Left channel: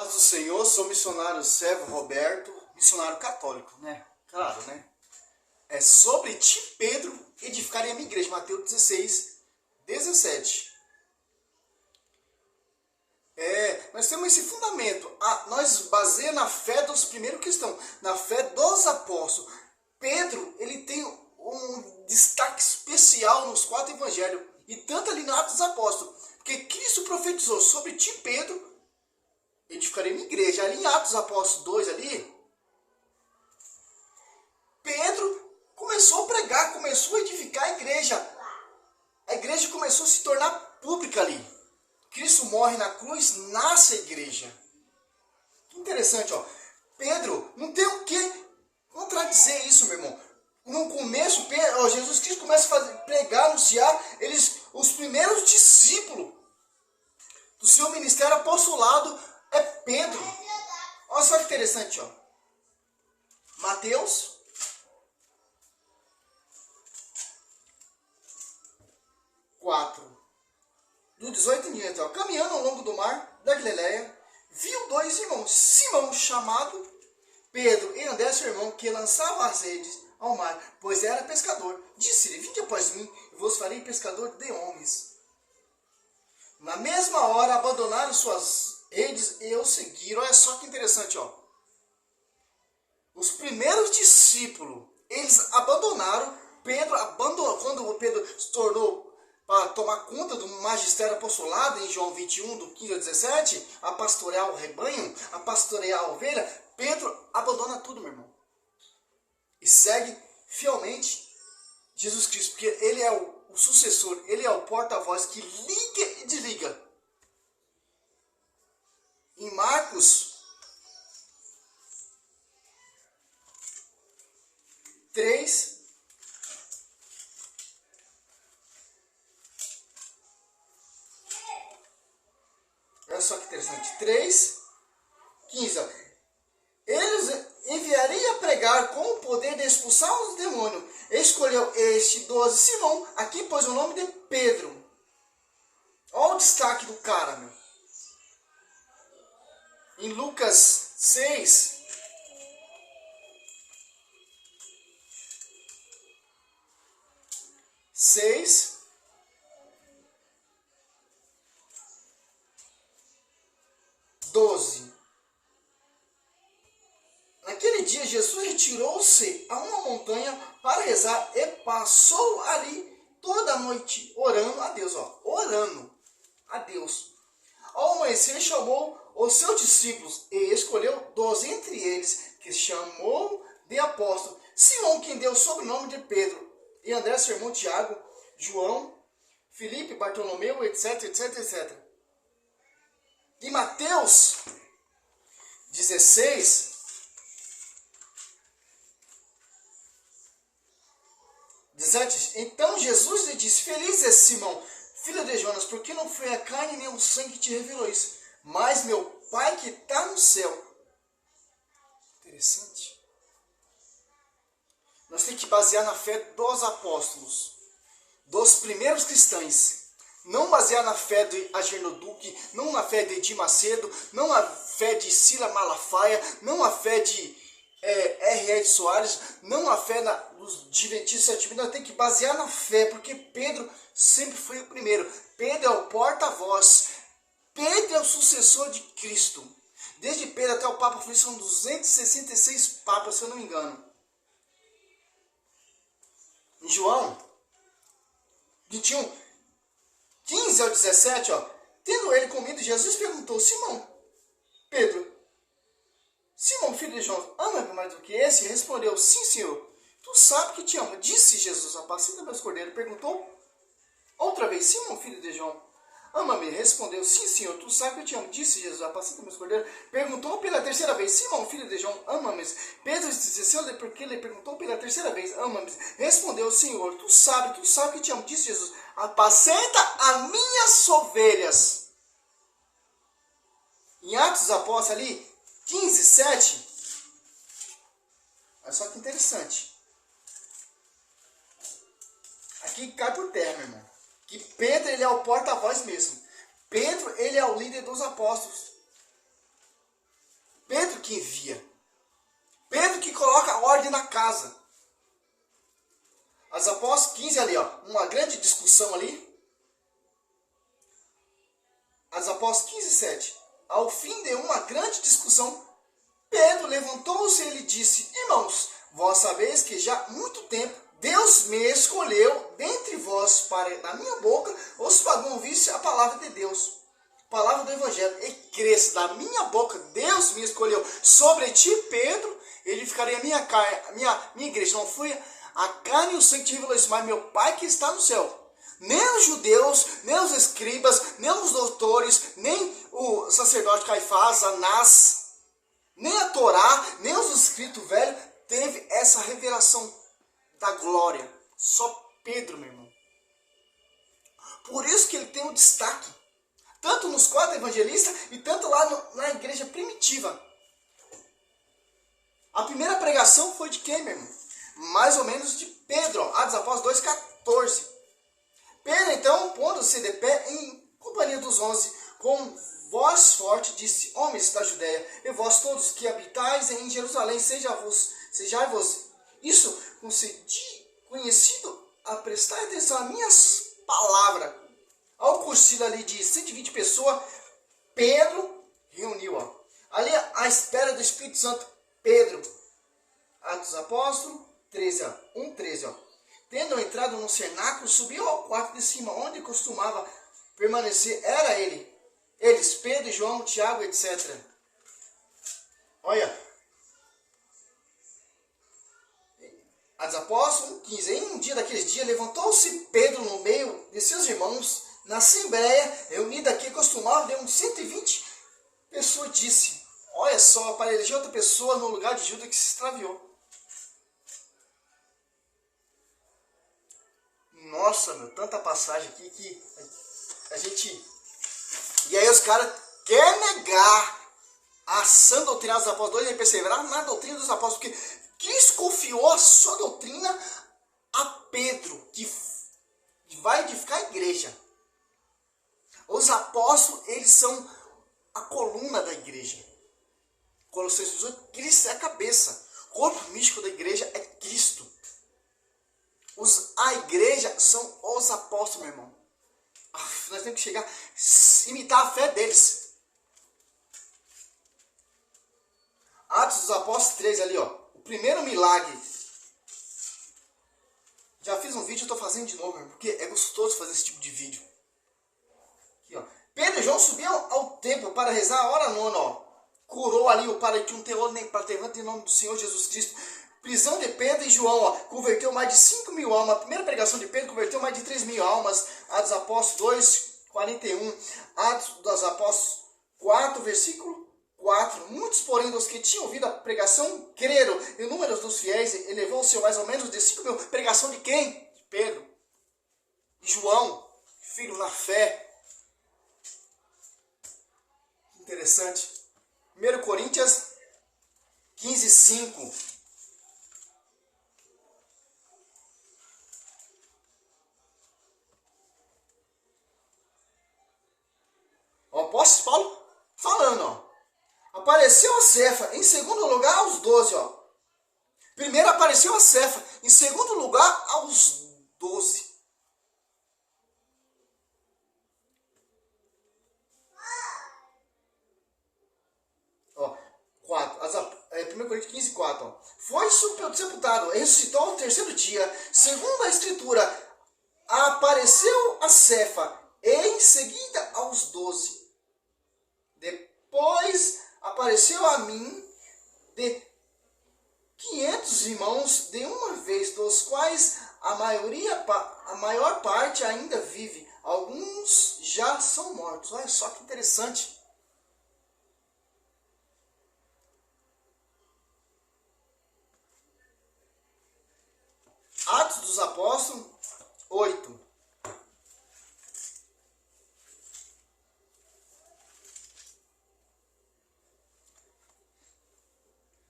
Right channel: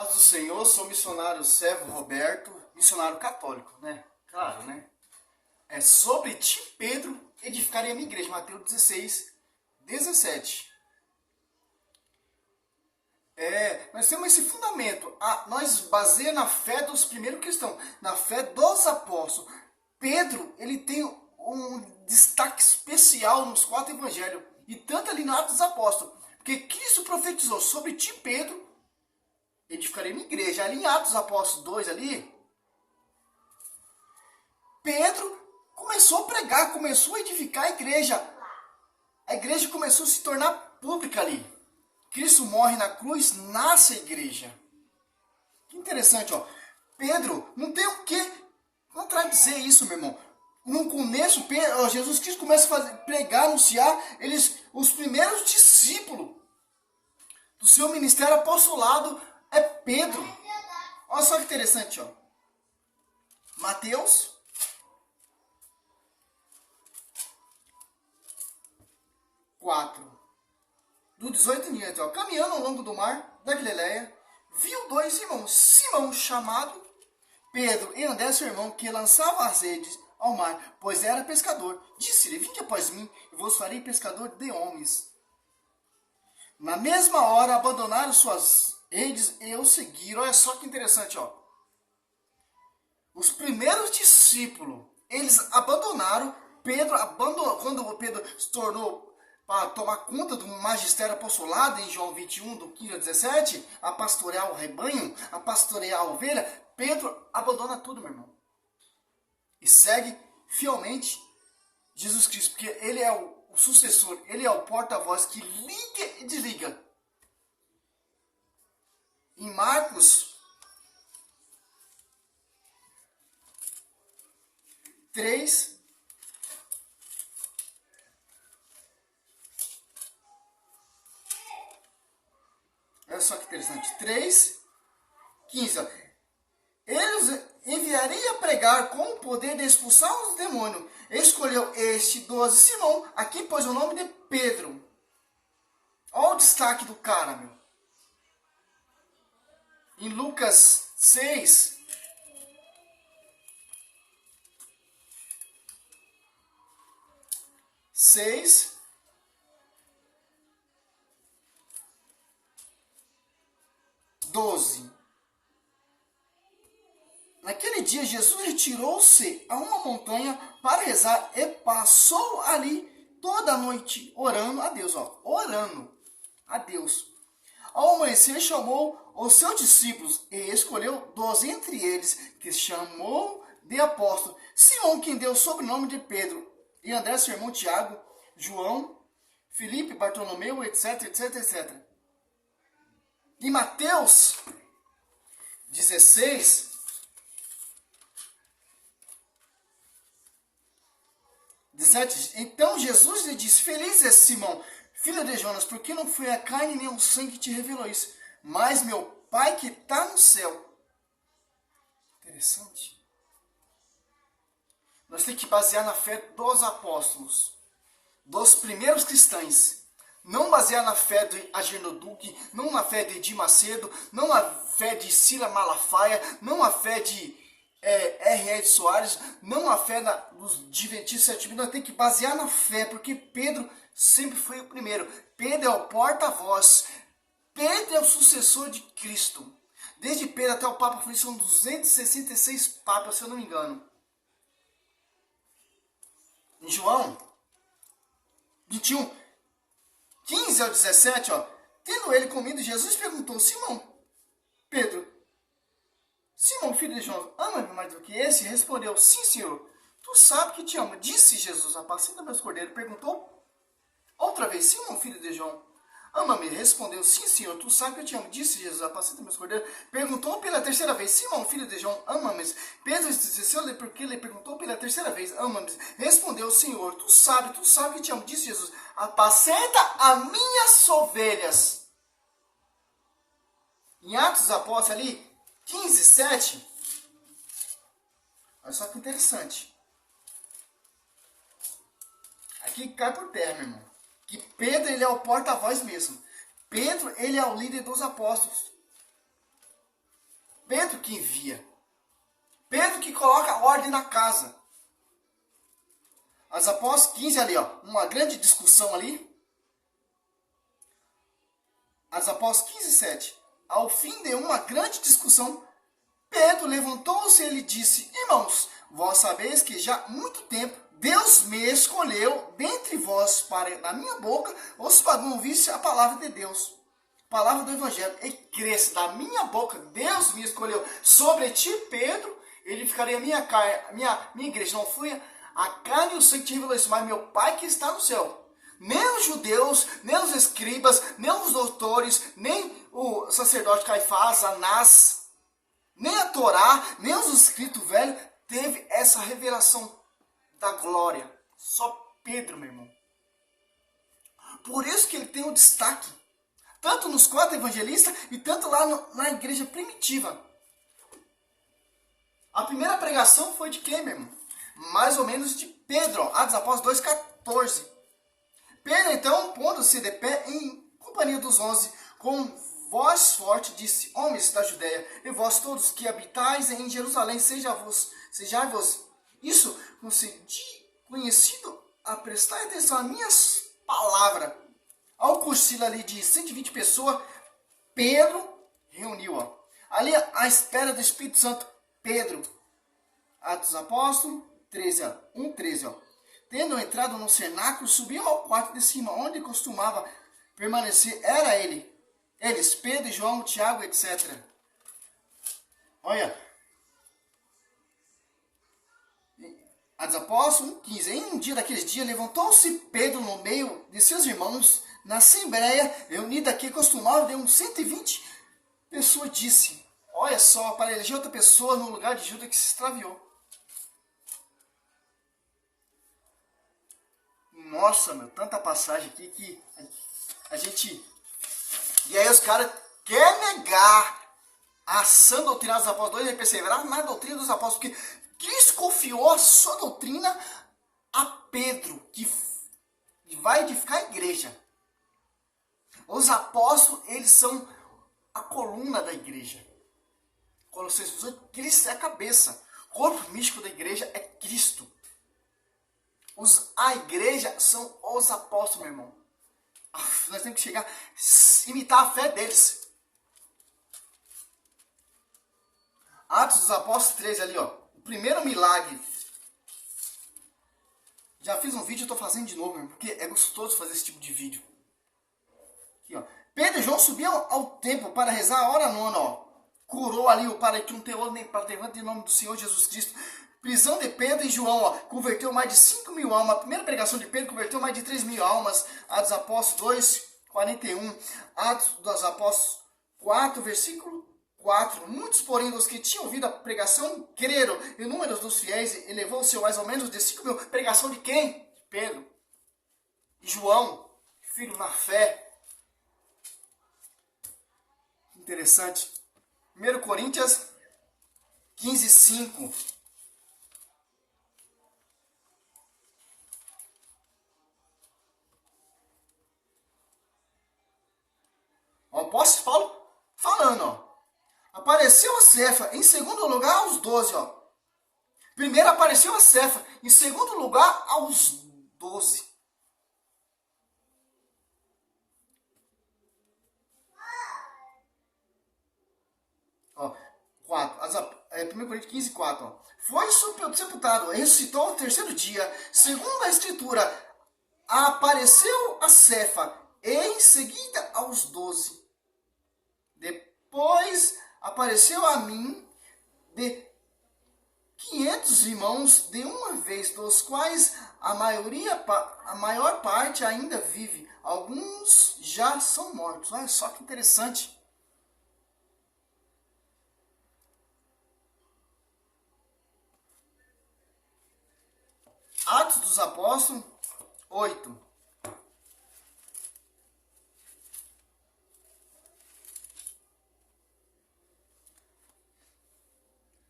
Paz do Senhor, sou missionário servo Roberto, missionário católico, né? Claro, né? É sobre ti, Pedro, edificarei a minha igreja, Mateus 16, 17. Nós temos esse fundamento, nós baseamos na fé dos primeiros cristãos, na fé dos apóstolos. Pedro, ele tem um destaque especial nos 4 evangelhos, e tanto ali no Atos dos Apóstolos, porque Cristo profetizou sobre ti, Pedro, edificarei minha igreja. Ali em Atos dos Apóstolos 2, ali, Pedro começou a pregar, começou a edificar a igreja. A igreja começou a se tornar pública ali. Cristo morre na cruz, nasce a igreja. Que interessante, ó. Pedro, não tem o que contradizer isso, meu irmão. No começo, Jesus Cristo começa a pregar, anunciar, os primeiros discípulos do seu ministério apostolado é Pedro. Olha só que interessante, ó. Mateus 4, do 18 em diante, ó. Caminhando ao longo do mar da Galileia, viu 2 irmãos, Simão, chamado Pedro, e André, seu irmão, que lançava as redes ao mar, pois era pescador. Disse-lhe: vinde após mim, e vos farei pescador de homens. Na mesma hora, abandonaram suas redes e o seguiram. Olha só que interessante, ó. Os primeiros discípulos, eles abandonaram. Pedro abandonou, quando Pedro se tornou para tomar conta do magistério apostolado, em João 21, do 15 ao 17, a pastorear o rebanho, a pastorear a ovelha, Pedro abandona tudo, meu irmão. E segue fielmente Jesus Cristo, porque ele é o sucessor, ele é o porta-voz que liga e desliga. Em Marcos 3, olha só que interessante, 3, 15, ó. Eles enviarei a pregar com o poder de expulsar os demônios. Escolheu este 12 Simão, aqui pôs o nome de Pedro. Olha o destaque do cara, meu. Em Lucas 6, seis, 12. Naquele dia, Jesus retirou-se a uma montanha para rezar e passou ali toda a noite orando a Deus, ó, orando a Deus. Ao amanhecer, chamou os seus discípulos e escolheu 12 entre eles, que chamou de apóstolos: Simão, quem deu o sobrenome de Pedro, e André, seu irmão Tiago, João, Filipe, Bartolomeu, etc, etc, etc. Em Mateus 16, então Jesus lhe disse: feliz é Simão, filho de Jonas, porque não foi a carne nem o sangue que te revelou isso, mas meu Pai que está no céu. Interessante. Nós temos que basear na fé dos apóstolos, dos primeiros cristãos. Não basear na fé de Ageno Duque, não na fé de Edir Macedo, não na fé de Sila Malafaia, não na fé de R.R. Soares, não a fé dos Adventistas Sétimo Dia. Nós temos que basear na fé, porque Pedro sempre foi o primeiro. Pedro é o porta-voz. Pedro é o sucessor de Cristo. Desde Pedro até o Papa Francisco são 266 papas, se eu não me engano. Em João 21, 15 ao 17, ó, tendo ele comido, Jesus perguntou: Simão, Pedro, Simão, filho de João, ama-me mais do que esse? Respondeu: sim, Senhor, tu sabes que te amo. Disse Jesus: apacenta meus cordeiros. Perguntou outra vez: Simão, filho de João, ama-me? Respondeu: sim, Senhor, tu sabes que eu te amo. Disse Jesus: apacenta meus cordeiros. Perguntou pela terceira vez: Simão, filho de João, ama-me? Pedro desceu porque ele perguntou pela terceira vez: ama-me? Respondeu: Senhor, tu sabes que te amo. Disse Jesus: apacenta as minhas ovelhas. Em Atos dos Apóstolos ali, 15, 7. Olha só que interessante. Aqui cai por terra, meu irmão. Que Pedro, ele é o porta-voz mesmo. Pedro, ele é o líder dos apóstolos. Pedro que envia. Pedro que coloca a ordem na casa. Atos dos Apóstolos 15 ali, ó, uma grande discussão ali. Atos dos Apóstolos 15, 7. Ao fim de uma grande discussão, Pedro levantou-se e ele disse: irmãos, vós sabeis que já há muito tempo Deus me escolheu dentre vós para, da minha boca, os pagãos ouvissem a palavra de Deus, palavra do Evangelho, e cresce da minha boca, Deus me escolheu sobre ti, Pedro, edificarei a minha igreja. Não fui a carne e o sangue que te revelou isso, mas meu Pai que está no céu. Nem os judeus, nem os escribas, nem os doutores, nem o sacerdote Caifás, Anás, nem a Torá, nem os escritos velhos, teve essa revelação da glória. Só Pedro, meu irmão. Por isso que ele tem um destaque. Tanto nos 4 evangelistas e tanto lá na igreja primitiva. A primeira pregação foi de quem, meu irmão? Mais ou menos de Pedro. Atos dos Apóstolos 2,14. Pedro, então, pondo-se de pé em companhia dos 11, com voz forte, disse: homens da Judéia, e vós todos que habitais em Jerusalém, sejai-vos isso conhecido a prestar atenção às minhas palavras. Ao concílio ali de 120 pessoas, Pedro reuniu, ó, ali à espera do Espírito Santo. Pedro, Atos dos Apóstolos 13, ó, 1:13, ó. Tendo entrado no cenáculo, subiu ao quarto de cima, onde costumava permanecer. Era eles, Pedro, João, Tiago, etc. Olha. Atos dos Apóstolos 1:15. Em um dia daqueles dias, levantou-se Pedro no meio de seus irmãos, na assembleia reunida que costumava de uns 120 pessoas, disse: olha só, para eleger outra pessoa no lugar de Judas que se extraviou. Nossa, meu, tanta passagem aqui que a gente... E aí os caras querem negar a sã doutrina dos apóstolos, e perseverar na doutrina dos apóstolos, porque Cristo confiou a sua doutrina a Pedro, que vai edificar a igreja. Os apóstolos, eles são a coluna da igreja. Colossenses 18, Cristo é a cabeça. O corpo místico da igreja é Cristo. A igreja são os apóstolos, meu irmão. Nós temos que chegar, imitar a fé deles. Atos dos Apóstolos 13 ali, ó. O primeiro milagre. Já fiz um vídeo, eu estou fazendo de novo, meu irmão, porque é gostoso fazer esse tipo de vídeo. Aqui, ó. Pedro e João subiam ao templo para rezar a hora nona, ó. Curou ali o para que não tem olho nem para levanta em nome do Senhor Jesus Cristo. Prisão de Pedro e João, ó, converteu mais de 5.000 almas. A primeira pregação de Pedro converteu mais de 3.000 almas. Atos dos Apóstolos 2, 41. Atos dos Apóstolos 4, versículo 4. Muitos, porém, dos que tinham ouvido a pregação, creram. E o número dos fiéis elevou-se mais ou menos de 5.000. Pregação de quem? De Pedro. De João, filho na fé. Interessante. 1 Coríntios 15, 5. O apóstolo Paulo falando, ó. Apareceu a Cefa, em segundo lugar aos 12, ó. Primeiro apareceu a Cefa, em segundo lugar aos 12. Ó, 4. 1 Coríntios 15, 4. Ó. Foi sepultado, ressuscitou ao terceiro dia. Segundo a Escritura, apareceu a Cefa, e em seguida aos 12. Depois apareceu a mim de 500 irmãos de uma vez, dos quais a maior parte ainda vive. Alguns já são mortos. Olha só que interessante. Atos dos Apóstolos 8.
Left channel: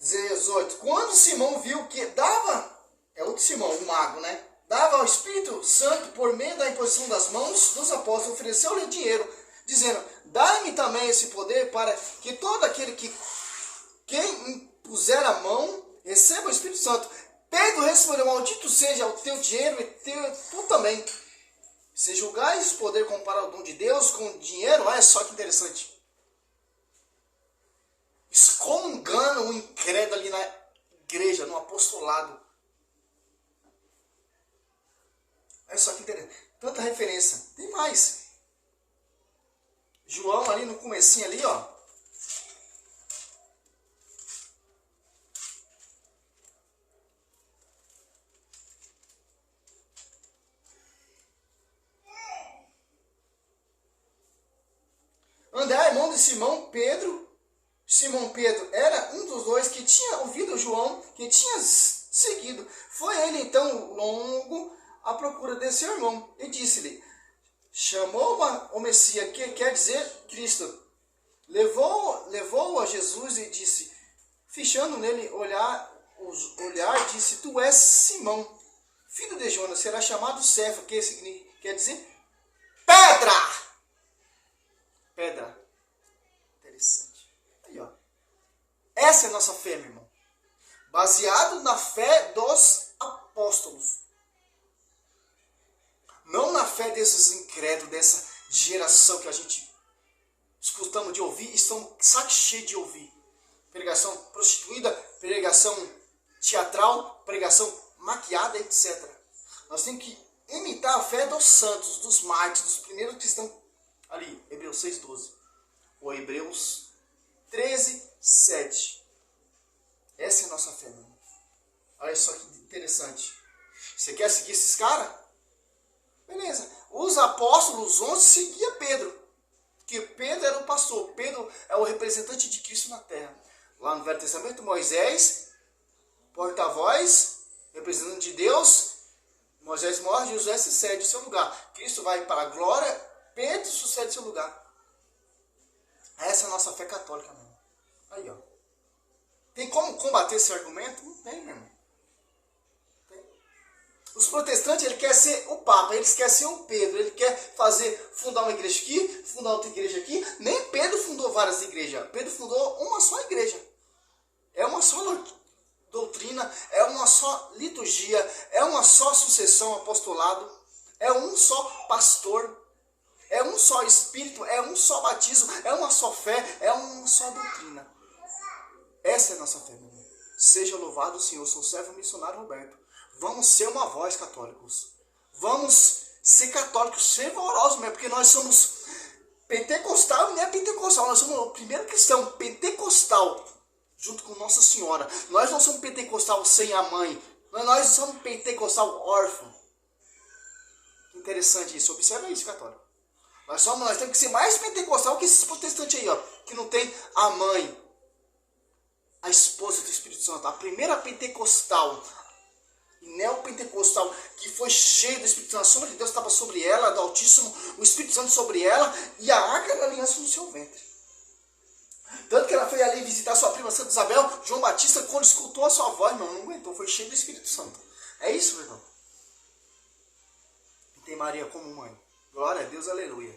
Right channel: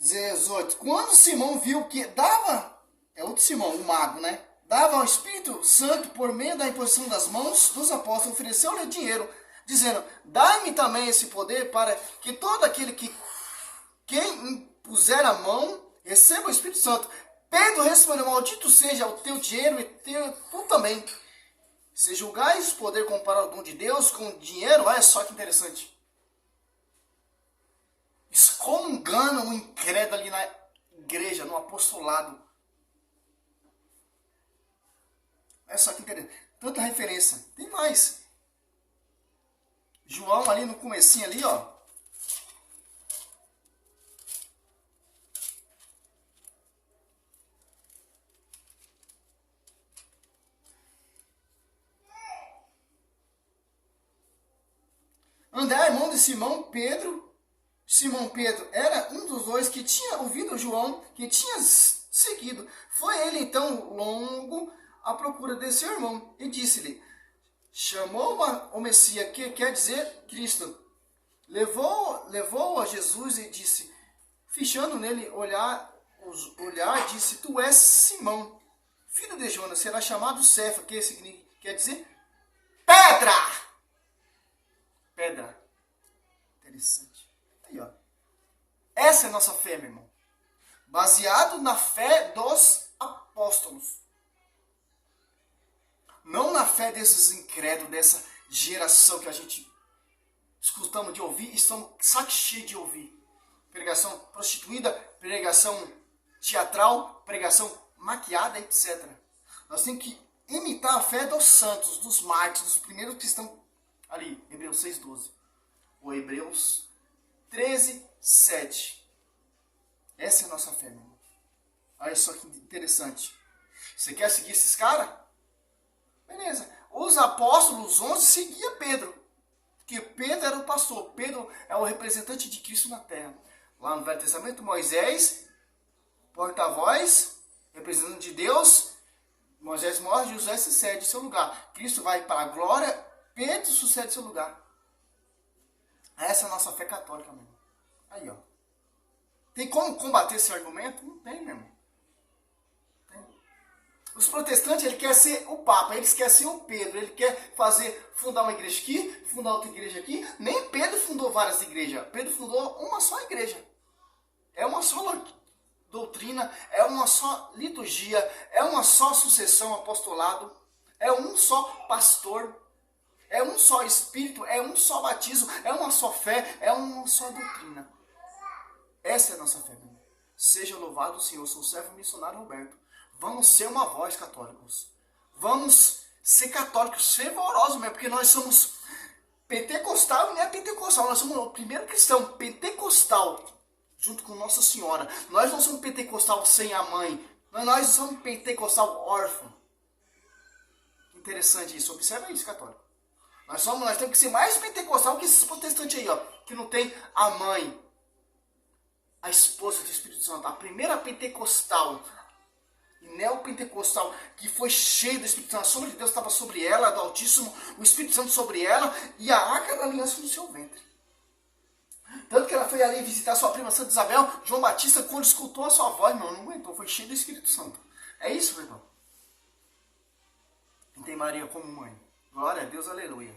18. Quando Simão viu que dava, é outro Simão, o mago, né? Dava ao Espírito Santo por meio da imposição das mãos dos apóstolos, ofereceu-lhe dinheiro, dizendo: dai-me também esse poder para que todo aquele que quem impuser a mão, receba o Espírito Santo. Pedro respondeu, maldito seja o teu dinheiro e tu também. Se julgais poder comparar o dom de Deus com o dinheiro, olha só que interessante. Excomungando o incrédulo ali na igreja, no apostolado. Olha só que interessante. Tanta referência. Tem mais. João ali no comecinho ali, ó. André, irmão de Simão Pedro. Simão Pedro era um dos dois que tinha ouvido João, que tinha seguido. Foi ele então longo à procura desse irmão e disse-lhe, chamou o Messias, que quer dizer Cristo. Levou a Jesus e disse, fichando nele olhar, disse, tu és Simão, filho de Jonas, será chamado Cefa, que quer dizer pedra. Pedra. Interessante. Aí, ó. Essa é a nossa fé, meu irmão. Baseado na fé dos apóstolos. Não na fé desses incrédulos, dessa geração que a gente escutamos de ouvir e estamos saco cheio de ouvir. Pregação prostituída, pregação teatral, pregação maquiada, etc. Nós temos que imitar a fé dos santos, dos mártires, dos primeiros que estão ali, Hebreus 6,12. Ou Hebreus 13,7. Essa é a nossa fé, meu irmão. Olha só que interessante. Você quer seguir esses caras? Beleza. Os apóstolos 11 seguiam Pedro. Porque Pedro era o pastor. Pedro é o representante de Cristo na terra. Lá no Velho Testamento, Moisés, porta-voz, representante de Deus. Moisés morre, Josué sucede o seu lugar. Cristo vai para a glória, Pedro sucede o seu lugar. Essa é a nossa fé católica, meu irmão. Aí, ó. Tem como combater esse argumento? Não tem, meu irmão. Tem. Os protestantes, ele quer ser o Papa, eles querem ser o Pedro, ele quer fundar uma igreja aqui, fundar outra igreja aqui. Nem Pedro fundou várias igrejas. Pedro fundou uma só igreja. É uma só doutrina, é uma só liturgia, é uma só sucessão, apostolado, é um só pastor. É um só Espírito, é um só batismo, é uma só fé, é uma só doutrina. Essa é a nossa fé, meu irmão. Seja louvado o Senhor, sou o servo missionário Roberto. Vamos ser uma voz, católicos. Vamos ser católicos fervorosos mesmo, porque nós somos pentecostal e não é pentecostal. Nós somos o primeiro cristão pentecostal, junto com Nossa Senhora. Nós não somos pentecostal sem a mãe. Nós somos pentecostal órfão. Interessante isso, observa isso, católico. Nós temos que ser mais pentecostal que esses protestantes aí, ó, que não tem a mãe, a esposa do Espírito Santo, a primeira pentecostal, neopentecostal, que foi cheia do Espírito Santo, a sombra de Deus estava sobre ela, do Altíssimo, o Espírito Santo sobre ela, e a arca da aliança no seu ventre. Tanto que ela foi ali visitar sua prima Santa Isabel, João Batista, quando escutou a sua voz, meu, não aguentou, foi cheio do Espírito Santo. É isso, meu irmão. Tem Maria como mãe. Glória a Deus, aleluia.